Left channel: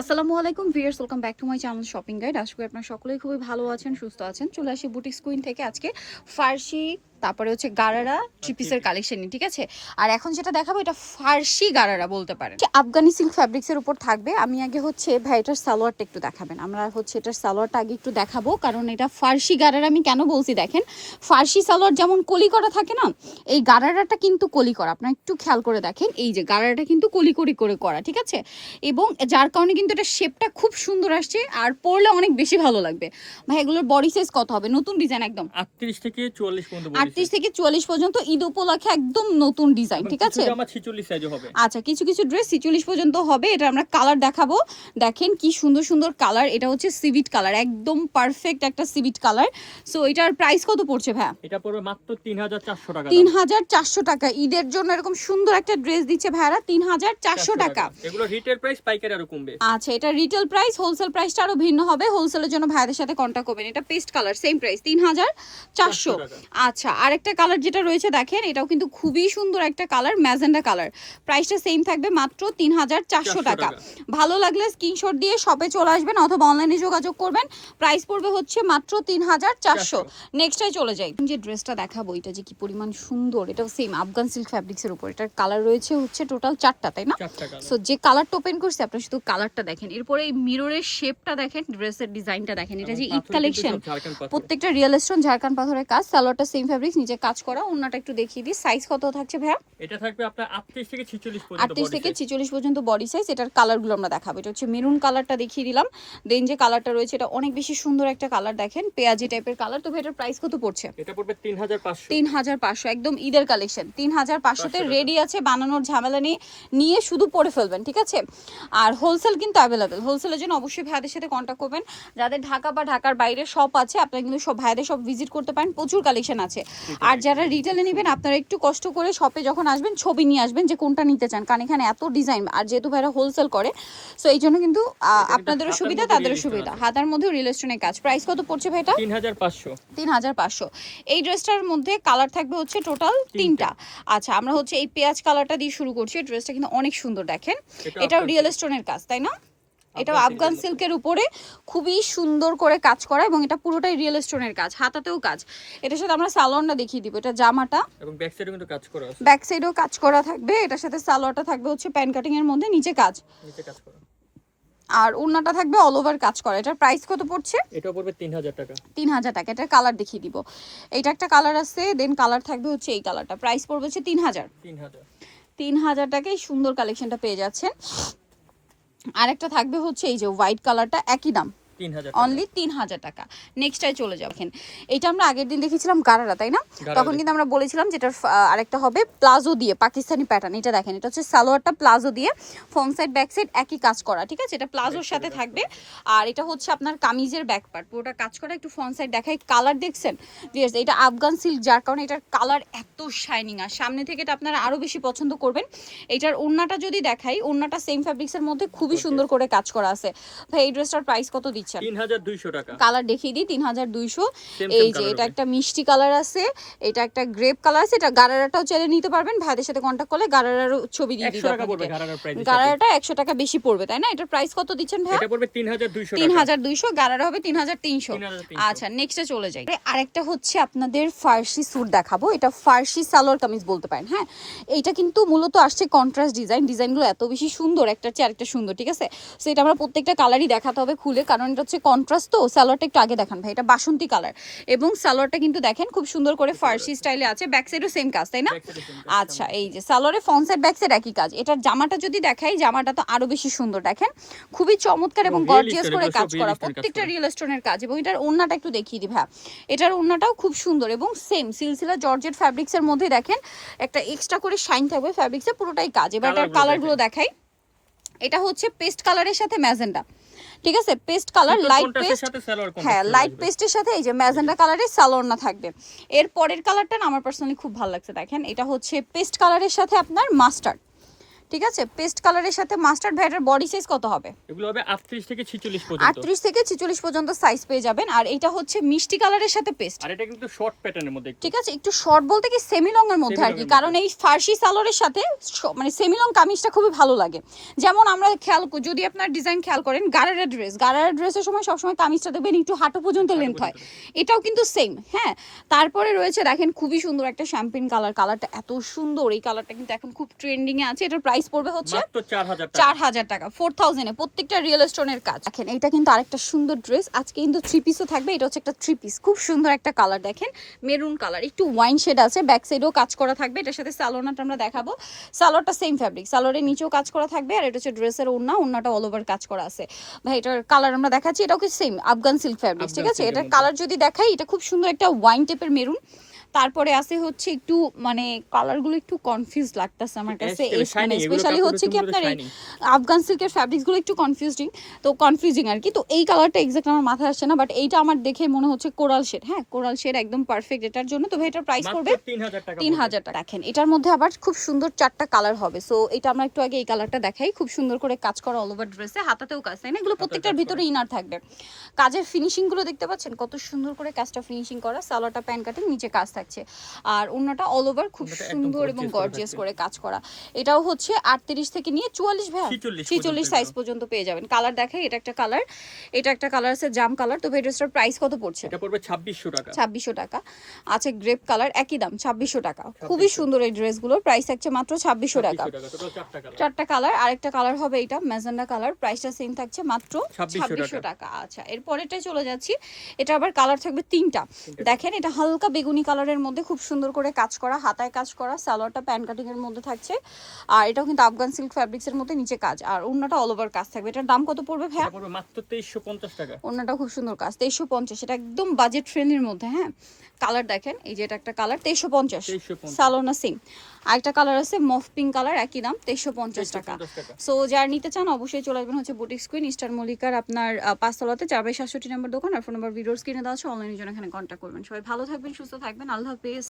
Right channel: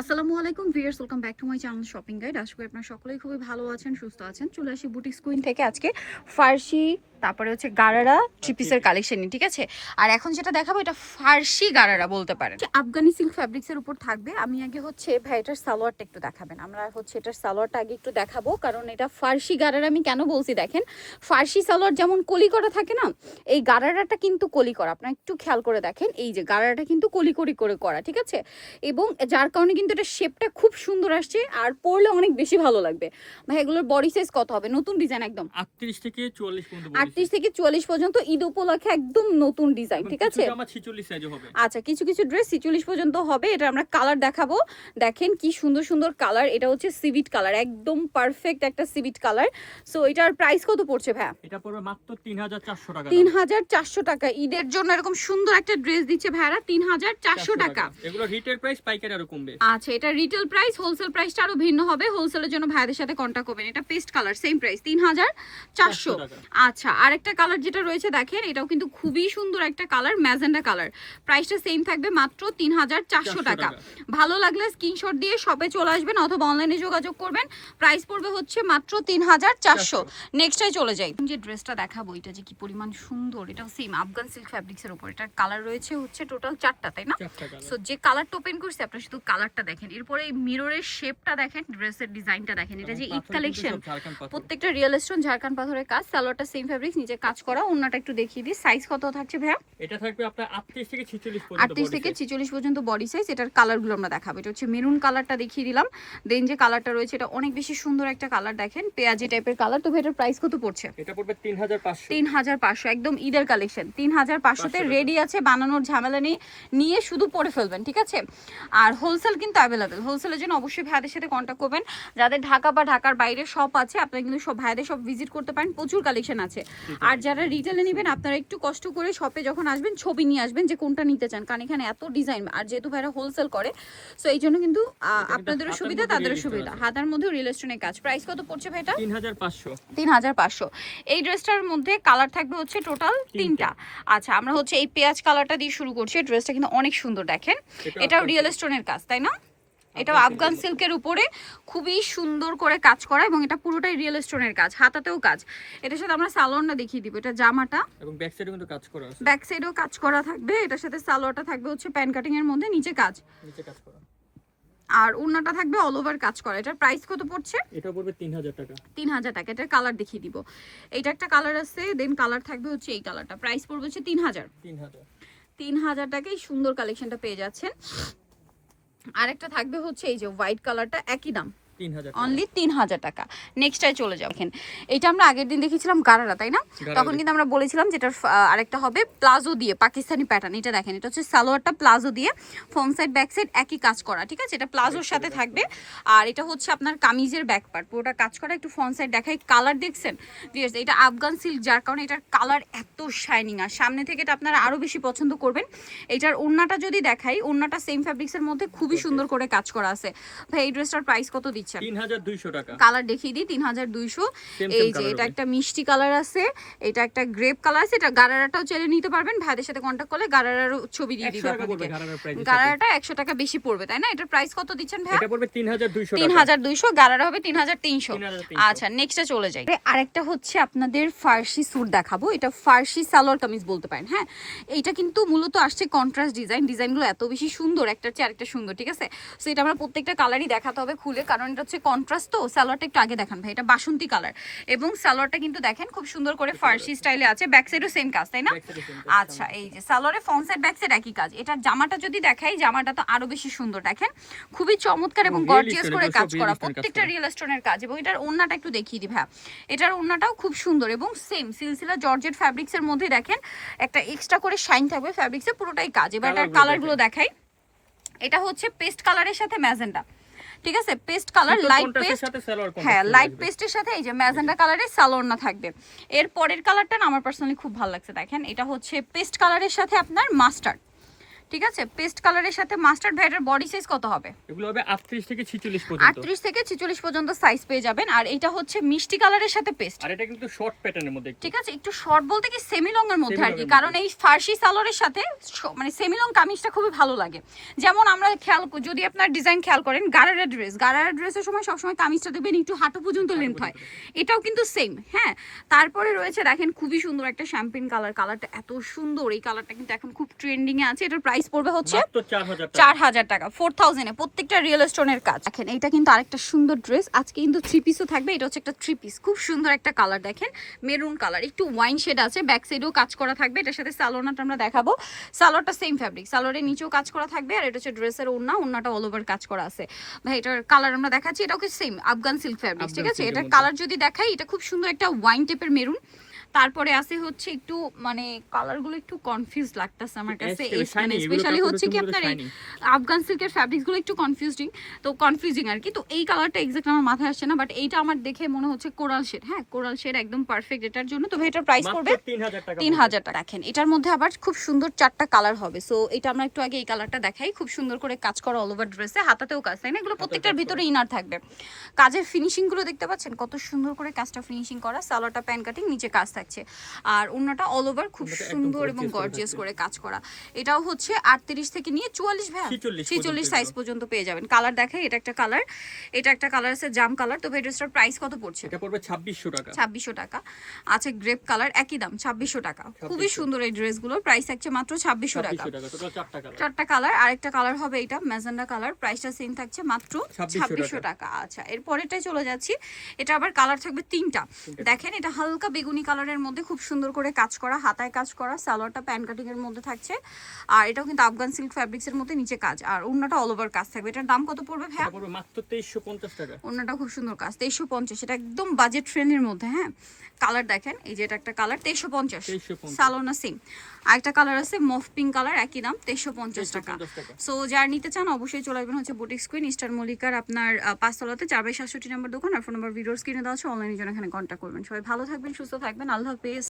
আসসালামু আলাইকুম viewers welcome back to my channel shopping guide. আশা করি আপনারা সকলেই খুবই ভালো আছেন, সুস্থ আছেন। চলে আসি বুটিক স্কুইন থেকে আজকে ফার্সি তারপরে হচ্ছে গারারা থ্রি পিসের কালেকশন ঠিক আছে? আর এখন যেটা দেখাবো এটা ফার্সি গারারা বলতে পারেন। আফগানি সিল্ক ফ্যাব্রিক্সের উপর থাকবে। আমি আগে হচ্ছে ভাই এটার সালোয়ারটা একটু দেখাবেন। আমরা হচ্ছে এটার সালোয়ারটা আগে একটু দেখাবো কারণ এটা ফার্সি গারারা আমি কেন বলছি দেখেন? ফার্সি সালোয়ার যেমন কলি করা থাকে না এই গারারাটা কিন্তু কলি করা। আপনারা একটু খেয়াল করে দেখেন এই যে গারারাটা কিন্তু কলি করি করে করা ঠিক আছে? এবং যার কারণে কিন্তু এটা শেপটা খুব সুন্দর আসছে আর পরলে অনেক বেশি ভালো লাগবে। ভাই এগুলোর বডি সাইজ কত হবে? নতুন ডিজাইন একদম। আটত্রিশ থেকে চুয়াল্লিশ পর্যন্ত বডি আটত্রিশ থেকে চুয়াল্লিশ পর্যন্ত ঈদ উপলক্ষে একদম নতুন ডিজাইন ঠিক আছে? আমার ছিচল্লিশ সাইজে হবে। আচ্ছা কিছু কিছু ড্রেস ছিচল্লিশ পর্যন্ত হবে এটা আমরা কালার দেখাবো। দেখেন কি সুন্দর সুন্দর কালার এটা হচ্ছে সিভিট কালার একদম পারফেক্ট একটা সিভিট কালার সো এটার প্রাইস কত পড়ছে ভাই এটা পড়বে মাত্র তিন হাজার চারশো টাকা তিন দাম। হাজার চারশো টাকা। ঈদের জন্য এরকম সুন্দর একটা ড্রেস দিচ্ছে ভাইরা তিন হাজার চারশো টাকা। এগুলো রিটেল প্রাইস পাইকারি আরও কমবে। আচ্ছা এটা রিটেল প্রাইস হোলসেল প্রাইসটা আরও ভিন্ন হবে। হোলসেলের জন্য ভাইদের সাথে কন্ট্যাক্ট করবেন। এটা পেস্ট কালার সেম প্রাইস তিন হাজার চারশো আচ্ছা আরেকটা কালার যেটা রয়েছে দেখেন এটাও কিন্তু খুবই সুন্দর একটা কালার ম্যাজেন্ডা কালার প্রাইসটা সেম থাকবে মাত্র তিন হাজার চারশো টাকা। ভালো লাগলে স্ক্রিনশট দিয়ে শপে চলে আসবেন অথবা অনলাইনে যোগাযোগ করবেন। প্রাইস পড়বে হচ্ছে মাত্র তিন হাজার চারশো। নেক্সটটাই চলে যাই। যে ড্রেসটা দেখাবো এটা যে কি পরিমাণ সুন্দর এটাও সেম আফগান সিল্ক ফ্যাব্রিক্সের উপর। এটার কালার রয়েছে হচ্ছে টোটাল চারটা তাই না? সো যে কালারটা ওপেন করছে আপনারা শুধু কালারটা দেখেন। এরপরে এই মিররের শেপটা দেখেন ড্রেসের ডিজাইনটা দেখেন। এটা যে ঈদ কালেকশন প্রত্যেকটা রিয়েল স্টোন ঝাড়খান পাথরের কাজ সালোয়ারটা সেম ফ্যাব্রিক্স নিচে কাজ করা অন্যটা একটু দেখিয়ে দিই। সাইজ কত থাকছে ভাইয়া? এটা থাকবে আপনার আটত্রিশ থেকে ছিচল্লিশ পর্যন্ত আটত্রিশ body থেকে size। ছিচল্লিশ পর্যন্ত বডি সাইজ এটার কালারগুলো আমরা দেখাবো। এটা হচ্ছে মেরুন কালারটা দেখিয়ে দিলাম। দেন যে কালারটা রয়েছে এটা অনেক বেশি সুন্দর একটা কালার দেখেন। পেঁয়াজি টাইপের কালার তো এটার প্রাইস কত পড়ছে? এটা পড়বে তিন হাজার পাঁচশো। তিন হাজার পাঁচশো। একদম ঈদের কালেকশন তিন হাজার পাঁচশোতে। রেডি আছে বানানোর ঝামেলা নেই। নিয়ে শুধু পরে ফেলবেন ঠিক আছে? আর হোলসেল কিন্তু অ্যাভেলেবেল হোলসেলের জন্য অবশ্যই ভাইদের সাথে কন্ট্যাক্ট করবেন। যাদের ঢাকা বা ঢাকার বাইরে শপ আছে আপনারা কিন্তু সব ভাইদের সব ভিজিট করতে পারেন। প্রচুর কালেকশন আছে। আর যারা রিটেলে নেবেন আপনারা একটু কষ্ট করে শপে যখন আসবেন ছবি নিয়ে আসবেন যে কোনটা নিতে চান। কারণ এখানে এত ডিজাইন আর যেহেতু ভাইরা হোলসেল করে সো এই জন্য কিন্তু আপনাদেরও সুবিধা মধ্যে তাদেরও সুবিধা। হাতার মধ্যেও রিল স্টোনের কাজ। প্রাইস কত পড়ছে তিন হাজার পাঁচশো। তিন হাজার পাঁচশো। এই ড্রেসটার মধ্যে কালার থাকবে হচ্ছে টোটাল তিনটা। আচ্ছা আমরা হচ্ছে এই পেঁয়াজ কালারটা দিয়ে শুরু করছি। ড্রেসটা কিন্তু অনেক সুন্দর দেখেন। এটা এটাও রিয়েল। স্টোনের কাজ তাই না? এটা আফগান সিল্কের উপরে খুবই সুন্দর করে কাজ করা এবং এটা পুরোটাই রিয়েল স্টোনের কাজ হাতাতেও কাজ। এটার সাথে আমরা সালোয়ারটা দেখিয়ে দিব এটা জামাটা। এবং ব্যাক সাইডে কিন্তু কাজ করা আছে। ব্যাক সাইডেও কাজ করা থাকবে এটার সাথে সালোয়ারটা থাকবে হচ্ছে প্যান কাটিং এর মধ্যে নিচে কাজ। নিচে কাজ করা। আর উন্নাটা থাকবে অল ওভার কাজ করা। এটার প্রাইস কত পড়ছে? এটা পড়বে তিন হাজার টাকা। তিন হাজার টাকা এটার কালার দেখিয়ে দিব। এটা একটা কালার আছে দেন কালার থাকবে হচ্ছে এই কালারটা প্রাইস পড়বে হচ্ছে তিন হাজার। তিন হাজার। তিন হাজার টাকায় সুন্দর কালেকশনটা পেয়ে যাচ্ছেন। আরেকটা থাকবে হচ্ছে এই যে হোয়াইট কালারটা একই দাম। অনলি তিন হাজার টাকা। নেক্সটটাই চলে যাও দেখেন এটা আমরা আগের দিন দেখেছিলাম গারারা তাই না? তখন কিন্তু আমরা বলেছিলাম যেটা আরেকটা হবে প্লাজো দিয়ে পাকিস্তানি প্যাটার্ন এটা দেখেন এটা হচ্ছে সালোয়ারটা প্লাজো দিয়ে ফ্রন্ট সাইড ব্যাক সাইড একই কাজ করা ঠিক আছে? এটা প্লাজোর সাথে থাকবে। আর এটা হচ্ছে আপনার কামিজের ব্যাক পার্ট পুরোটা কাজ করা একটু ফ্রন্ট সাইড দেখাই। কালার দেখছেন? Yes, এটা আফগান সিল্ক যার কারণে এটার কালার এত শাইনিং আর সামনে থেকে এটা আপনারা আরও বেশি পছন্দ করবেন। এটার ওড়নাটা যদি দেখাই ওড়নাটা সেম ফ্যাব্রিক্সের মধ্যে খুবই সুন্দর করে কাজ করা আছে। ভাই এই ড্রেসটার প্রাইস কত দিচ্ছেন? টাকা। কালার দেখিয়ে দিই তিন হাজার দুইশো। Same, এই যে এটা একটা মিষ্টি কালার আছে এটা একটা গ্রেপ কালার আছে এটা গারারাটাও চাইলে নিতে পারবেন ভাইদের সাথে করলে গারারারও ছবি দিয়ে গারারাটা একশো টাকা বেশি পড়বে তাই না? এটার প্রাইস কত দিচ্ছেন ভাই এটা পড়বে টাকা। গারারা হবে তিন হাজার তিনশো। 3,300 আচ্ছা নেক্সটে চলে যাই। আরেকটা হচ্ছে আপনাদের ফার্সি স্যুট দেখাবো এটা ফার্সি সালোয়ার কামিজ বলতে পারেন হ্যাঁ? এইটা কিন্তু মূলত আসছে কন্ট্রাস্ট ডিজাইন ডিজাইনগুলো এত বেশি সুন্দর একটা চেয়ে আরেকটা সুন্দর ঠিক আছে? সো এটা আমরা প্রত্যেকটা কালারই দেখাতে হবে খুলে কারণ এটা হচ্ছে কন্ট্রাস্ট তো সালোয়ারটা একটু আগে দেখান ভাই এটা বাসন্তী কালার এবং সালোয়ারটা কিন্তু দেখেন খুব সুন্দর করে ফার্সি স্টাইলে আছে ব্যাক সাইডও সেম কাজ তাই না? আচ্ছা এই যে সালোয়ারের ফ্রন্ট সাইড ব্যাক সাইড একই কাজ। এটার জামাটা যদি দেখাই জামাটা তো আরও বেশি সুন্দর দেখেন। খুবই চমৎকার এবং গর্জিয়াস করে কাজ করা প্রত্যেকটা রিয়েল স্টোনের কাজ। এবং এটার ওন্নাটা একটু দেখিয়ে দিই ভাই এটার ওন্নাটাও খুব সুন্দর এবং সেম সিলসিলা জর্জেট ফ্যাব্রিক্স এর মধ্যে দেখেন একটা এক্সট্রা করে শাইন থাকবে ফ্যাব্রিক্সে পুরোটাই কাজ। এবার এটার কালারগুলো দেখাই। এটা হচ্ছে পেস্ট কালারের সাথে ম্যাজেন্ডা ঠিক আছে? পেস্ট কালার লাইট পেস্ট সাথে হ্যাঁ লাইট। পেস্টের সাথে এই যে ম্যাজেন্ডা কালারের সালোয়ার না থাকবে। এর পরের কালারটা আমার পার্সোনালি খুব ভালো লাগছে দেখেন। এটা হচ্ছে পেস্ট কালারের সাথে আপনার মাস্টার্ড ঠিক আছে? পেস্ট কালারের সাথে মাস্টার্ড ভ্যাটের বডি সাইজ কত হবে? এগুলো হবে আটত্রিশ থেকে ছিচল্লিশ পর্যন্ত। আটত্রিশ থেকে ছিচল্লিশ পর্যন্ত সাইজ পেয়ে যাবেন। আর এটা হচ্ছে মিষ্টি কালারের সাথে পেস্ট আর এটা কিন্তু শর্ট প্যাটার্নের মধ্যে ঠিক আছে? একটু শর্ট বলতে কি সেমি লং এর মধ্যে আর কি। কারণ এই ফার্সি সালোয়ারের সাথে মানে সেমি লং কামিজটা খুবই ভালো লাগে। যেমন আমরা খেয়াল যদি আপনার ডিজাইন খেয়াল করেন গারারা ড্রেস গারারা ড্রেসের সময় সবসময় কামিজটা দেখবেন একটু হাঁটু পর্যন্ত লেন্থ হয়। এটাও কিন্তু সেম হ্যাঁ? তারপরে রয়েছে দেখেন খুবই সুন্দর একটা শ্যাম্পিন কালার কালারটা এত সুন্দর। এই কালারটা কিন্তু এখন খুব ট্রেন্ডিং এ আছে। এটার প্রাইস পড়বে হচ্ছে চার হাজার টাকা। চার হাজার টাকা ফোর থাউজেন্ডে প্রত্যেকটা রিয়েল স্টোনের কাজ। দেখেন এটা কিন্তু আরেকটা সুন্দর ড্রেস আজকে কিন্তু থ্রি পিসও থাকবে এটা হচ্ছে একটা থ্রি পিস খুব সুন্দর একটা কালার দেখেন মেরুন কালার একটু ওয়াইন শেড আছে ব্যাক সাইডেও কাজ করা থাকবে এটার সাথে সালোনাটা আমরা দেখাবো। সালোয়ারটা সেম ফ্যাব্রিক সালোয়ারের নিচেও কাজ করা থাকবে আর এটা হচ্ছে ড্রেসের ওড়না ওড়নাটা অল ওভার কাজ করা আছে। ভাই এটার কালার আমরা দেখাচ্ছি এটাও কি সেম আফগান সিল্ক ফ্যাব্রিক ঠিক আছে? এটার কালার যদি দেখাই এটা খুব সুন্দর একটা ওয়াইন টাইপের মেরুন তারপরে আছে হচ্ছে একটু মানে কালারগুলো একটু কনফিউজ লাগতেছে আমার কাছে। স্পেশালি হচ্ছে কি আপনার আফগান সিল্কের ফ্যাব্রিক্সগুলো একটু কনফিউজিং তো কনফিউজিং আর কি। তো এই কালারটা এক্সাক্ট আমার মাথায় আসছে না বাট এইটা আমার দেখে মনে হচ্ছে কোরাল শেড হ্যাঁ কোরাল শেড একদম পারফেক্ট এটার জন্য। তো এটার প্রাইস পড়বে তিন হাজার টাকা দেখেন এটার মধ্যে আবার খুব সুন্দর চারটা কালার হবে। সো এটা আমরা একটু আগে এই কালারটা দেখাই। খুব সুন্দর করে কাজ করা অল ওভার ড্রেসে হাতাতেও কাজ তাই না? এগুলো প্রত্যেকটার ভিতরে ইনার থাকবে। কাজের ফিনিশিংগুলো দেখতে পাচ্ছেন? কত সুন্দর করে কাজটা ফিনিশিং করা সালোয়ারটা প্যান কাটিং নিচে কাজ থাকছে। আর অন্যটা অল ওভার খুব সুন্দর এবং গর্জিয়াস করে কাজ করা। এটাও হচ্ছে আটত্রিশ থেকে নিয়ে চুয়াল্লিশ 46 ছিচল্লিশ সাইজ পর্যন্ত পেয়ে যাবেন। কালার দেখাই এটা একটা কালার এটা একটা কালার আছে জাম কালার তো ড্রেসটার প্রাইস কত পড়ছে? এটা পড়বে ছাব্বিশশো টাকা। ছাব্বিশশো টাকা। আছে গ্রেপ কালার একই দাম ছাব্বিশশো টাকা। খুবই সুন্দর এই ড্রেসগুলোর প্রাইস থাকছে মাত্র ছাব্বিশশো টাকা। চারটা কালার কালার আরেকটা কালার হবে এটা ম্যাজেন্ডা কালার প্রাইসটা সেম থাকছে মাত্র ছাব্বিশশো টাকা। আচ্ছা এরপরেটাই চলে যাচ্ছি এটা আবার কালার থাকবে তিনটা। দেখেন এটা হালকা বেগুনি কালারের মধ্যে খুব সুন্দর করে কাজ করা হাতায় কাজ করা সালোয়ারটা প্যান কাটিং এর মধ্যে থাকছে। আর এটাও কিন্তু আফগান সিল্ক ফেব্রিক্স এর মধ্যে নিচে কাজ। আর অন্যটা অল ওভার কাজ থাকবে। এটার দাম কত পড়বে ভাই পড়বে মাত্র তেইশশো পঞ্চাশ টাকা। অন্যটা খুব সুন্দর কাজ তেইশশো পঞ্চাশ। এটা একদম বাজেট ফ্রেন্ডলির মধ্যে হ্যাঁ? কালার দেখেন এই যে এটা একটা কালার তেইশশো পঞ্চাশ। সালোনা সিং আরেকটা কালার আছে মফ পিঙ্ক কালার একই দাম তেইশশো পঞ্চাশ টাকা। সো যার নিতে চান অবশ্যই চলে আসবেন হচ্ছে বুটিক স্ক্রিন ইস্টার মল্লিকার আপনার পাঁচতলাতে চার বাই সাতষট্টি নম্বর দোকান আর ফোন নম্বর ভিডিওর স্ক্রিনে দেওয়া আছে অনলাইনের জন্য এখানে কন্ট্যাক্ট করবেন। সবাই ভালো থাকবেন সুস্থ থাকবেন আল্লাহ হাফেজ।